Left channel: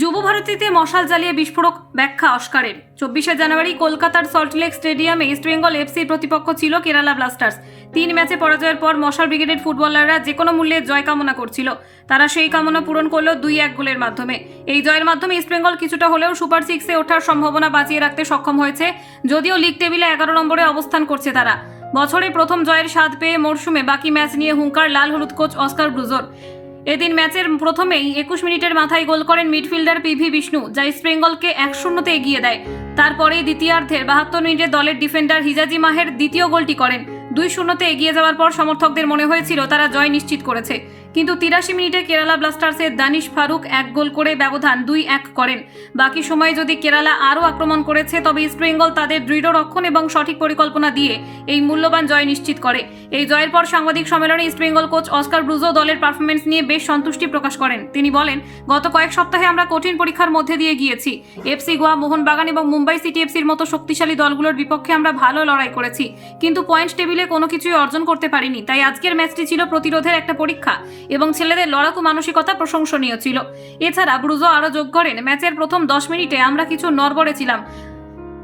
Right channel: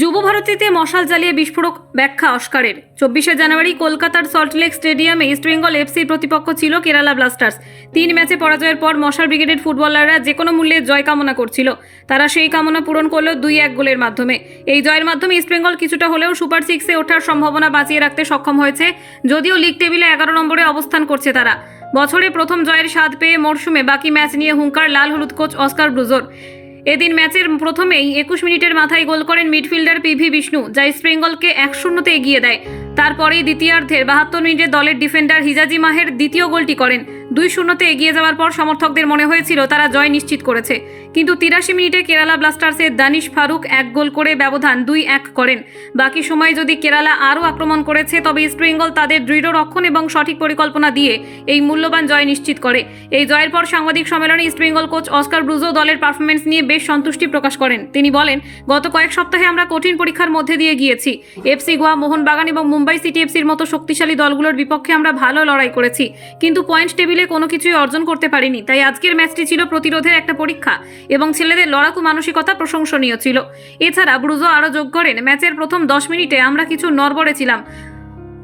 যুব ভারতীতে মশাল জ্বালিয়ে বিস্ফোরক ব্যাখ্যা অস্কারের। চব্বিশে জানুয়ারি কলকাতার সল্টলেক স্টেডিয়ামে ইস্টবেঙ্গল এফসির প্রতিপক্ষ ছিল কেরালা ব্লাস্টার্স। তিন ম্যাচে পরাজয়ের পর মশাল ব্রিগেডের ফুটবলাররা যে কোনো মূল্যে জয় কামনা করছিল। তারা সেই কামনা পূরণ করল দুই এক গোলের মাধ্যমে। এই জয়ের মাধ্যমে ইস্টবেঙ্গল কিছুটা হলেও সুপার সিক্সে ওঠার সম্ভাবনা বাঁচিয়ে রাখতে সক্ষম হয়েছে, যদিও লিগ টেবিলে এগারো নম্বরে অবস্থান করছে তারা। বছরে প্রথম জয়ের স্বাদ পেয়ে মরশুমে বাকি ম্যাচ নিয়ে হুঙ্কার লাল হলুদ কোচ অস্কার ব্রুজোর। এদিন ম্যাচের প্রথমেই একুশ মিনিটের মাথায় গোল করেন মিডফিল্ডার পিভি বিষ্ণু, যা ইস্টবেঙ্গলকে এক শূন্যতে এগিয়ে দেয়। তারপরেই দ্বিতীয়ার্ধের বাহাত্তর মিনিটে দলের ডিফেন্ডার হিজাজি মাহের দ্বিতীয় গোলটি করেন। দুই শূন্যতে এগিয়ে যাওয়ার পর সমর্থকদের মনে হয়েছিল তারা জয় নিশ্চিত করেছে। কিন্তু তিরাশি মিনিটে কেরালা ব্লাস্টার্সের দানিশ ফারুক এক গোল করে ব্যবধান দুই এক করেন। বাকি সময় যদি কেরালা আরও আক্রমণ করেছে, তবে ইস্টবেঙ্গল তাদের দৃঢ় রক্ষণ এবং সঠিক পরিকল্পনা দিয়ে এই মূল্যবান জয় নিশ্চিত করে। এই জয়ের পর সাংবাদিক সম্মেলনে ইস্টবেঙ্গল কোচ অস্কার ব্রুজো দলের পারফরমেন্স নিয়ে বেশ সন্তুষ্টি প্রকাশ করেন। তিনি বলেন, গত কয়েক সপ্তাহে আমরা কঠিন পরীক্ষার মধ্যে দিয়ে গিয়েছি। এফসি, গোয়া, মোহনবাগান এবং মুম্বাই সিটি এফসির মতো শক্তিশালী দলগুলোর বিপক্ষে আমরা ভালো লড়াই করেছি। কিন্তু পয়েন্ট টেবিলে কোনো কিছুই অর্জন করতে পারিনি। তাই আজকের ম্যাচটি ছিল প্রতিরোধের একটা পরীক্ষা এবং ছেলেদের লড়াকু মানসিকতা প্রশংসনীয় ছিল। এছাড়া ব্রুজো আরও যোগ করেন। ম্যাচের প্রথম দশ মিনিটে আমরা কিছু নড়বড়ে ছিলাম।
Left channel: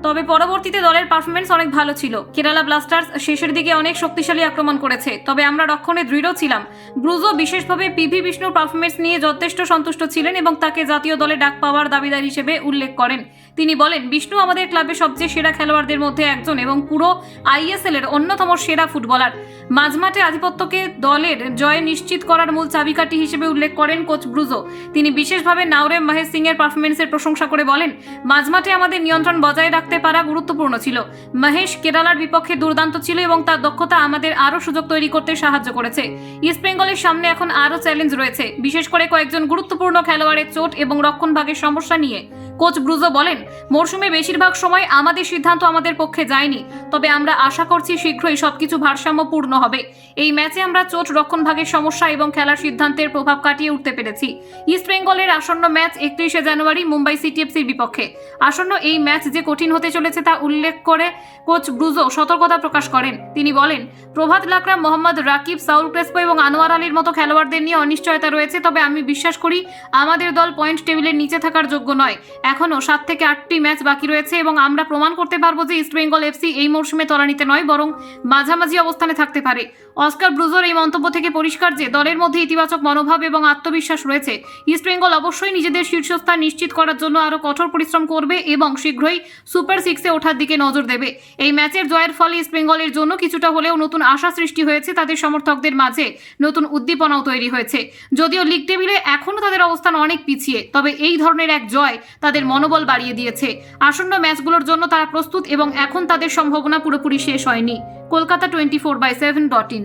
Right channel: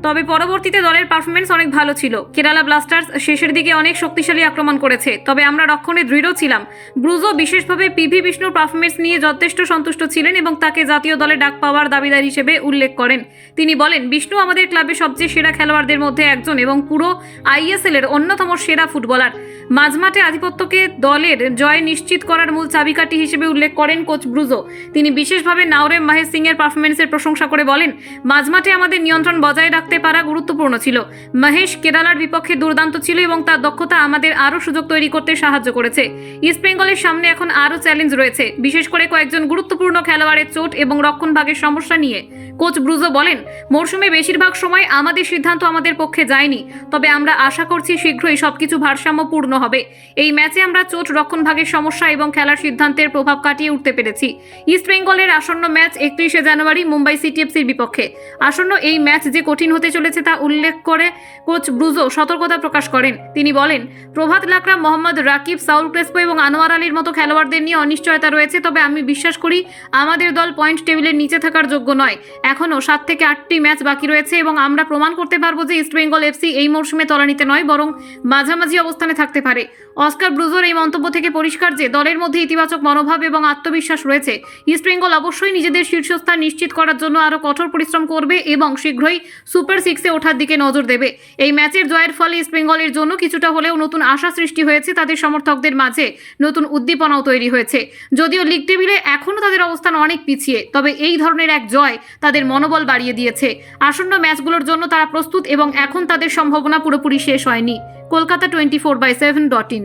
তবে পরবর্তীতে দলের পারফরমেন্স অনেক ভালো ছিল। কেরালা ব্লাস্টার্স শেষের দিকে অনেক শক্তিশালী আক্রমণ করেছে। তবে আমরা রক্ষণে দৃঢ় ছিলাম। ব্রুজো বিশেষভাবে পিভি বিষ্ণুর পারফরমেন্স নিয়ে যথেষ্ট সন্তুষ্ট ছিলেন এবং তাকে জাতীয় দলে ডাক পাওয়ার দাবিদার হিসেবে উল্লেখ করেন। তিনি বলেন, বিষ্ণু আমাদের ক্লাবের সবচেয়ে সেরা খেলোয়াড়দের মধ্যে একজন এবং পুরো আইএসএল এর অন্যতম সেরা ফুটবলার। মাঝমাঠে আধিপত্যকে দলের জয় নিশ্চিত করার মূল চাবিকাঠি হিসেবে উল্লেখ করেন কোচ ব্রুজো। তিনি বিশেষভাবে নাওরেম মাহেশ সিং এর পারফরমেন্সের প্রশংসা করে বলেন, মাঝমাঠে আমাদের নিয়ন্ত্রণ বজায় রাখতে পারা গুরুত্বপূর্ণ ছিল। মহেশ কেরালার বিপক্ষে দুর্দান্ত ছিল এবং তার দক্ষতা আমাদের আরও সুযোগ তৈরি করতে সাহায্য করেছে। ইস্ট বেঙ্গলের সামনে এখন আরও চ্যালেঞ্জ রয়েছে। বিশেষ করে কয়েকজন গুরুত্বপূর্ণ খেলোয়াড়ের চোট এবং রক্ষণ ভাগের সমস্যা নিয়ে। কোচ ব্রুজো বলেন, মরশুমে বেশিরভাগ সময় আমাদের সিদ্ধান্ত আমাদের পক্ষে যায়নি, তবে আমরা আশা করছি শীঘ্রই সবকিছু ভারসাম্যপূর্ণ হবে। এই ম্যাচে আমরা চোট রক্ষণ ভাগের সমস্যা এবং খেলার সিদ্ধান্তের প্রভাব কাটিয়ে উঠতে পেরেছি। ইস্ট বেঙ্গলের আসন্ন ম্যাচ একত্রিশে জানুয়ারি মুম্বাই সিটিএফসির বিপক্ষে। আসন্ন এই ম্যাচ যে কঠিন হতে চলেছে তা উল্লেখ করে কোচ ব্রুজো সতর্কতা প্রকাশ করেন। তিনি বলেন, প্রভাত লাকরা মোহাম্মদ রাকিব, সাউল ক্রেসপো এবং আনোয়ার আলীর মতো খেলোয়াড়দের নিয়ে অনিশ্চয়তা রয়েছে, তবে আমি বিশ্বাস করি আমাদের দল পয়েন্ট টেবিলের নিচে থাকার যোগ্য নয়। এখনও সাত থেকে আটটি ম্যাচ বাকি রয়েছে এবং আমরা প্রমাণ করতে পারব যে ইস্টবেঙ্গল এফসি এই মরশুমে তলানিতে নয়, বরং মাঝামাঝি অবস্থানে থাকতে পারে। অস্কার ব্রুজোর এই মন্তব্য থেকে পরিষ্কার যে দলের মধ্যে ইতিবাচক মনোভাব এবং আত্মবিশ্বাস রয়েছে ইস্টবেঙ্গল অবশ্যই নিজেদের শীর্ষস্থান নিশ্চিত করার জন্য আরও কঠোর পরিশ্রম করবে এবং শীঘ্রই সুপার সিক্সে ওঠার দিকে নজর দেবে। এই ম্যাচের জয়ের ফলে ইস্টবেঙ্গলের জন্য কিছুটা হলেও নতুন আশা সৃষ্টি হয়েছে তাদের সমর্থকদের মাঝে। নতুন উদ্দীপনাও তৈরি হয়েছে। যদিও লিগ টেবিলে এখনও তাদের অবস্থান অনেক পিছিয়ে, তবে এই ধরনের এক জয় তাদের মনোবল বাড়িয়ে দিয়েছে। আসন্ন ম্যাচগুলোর জন্য তারা প্রস্তুত এবং এখন তাদের সম্ভাবনা পুরোপুরি শেষ হয়নি। Kolkata twenty four by seven dot in.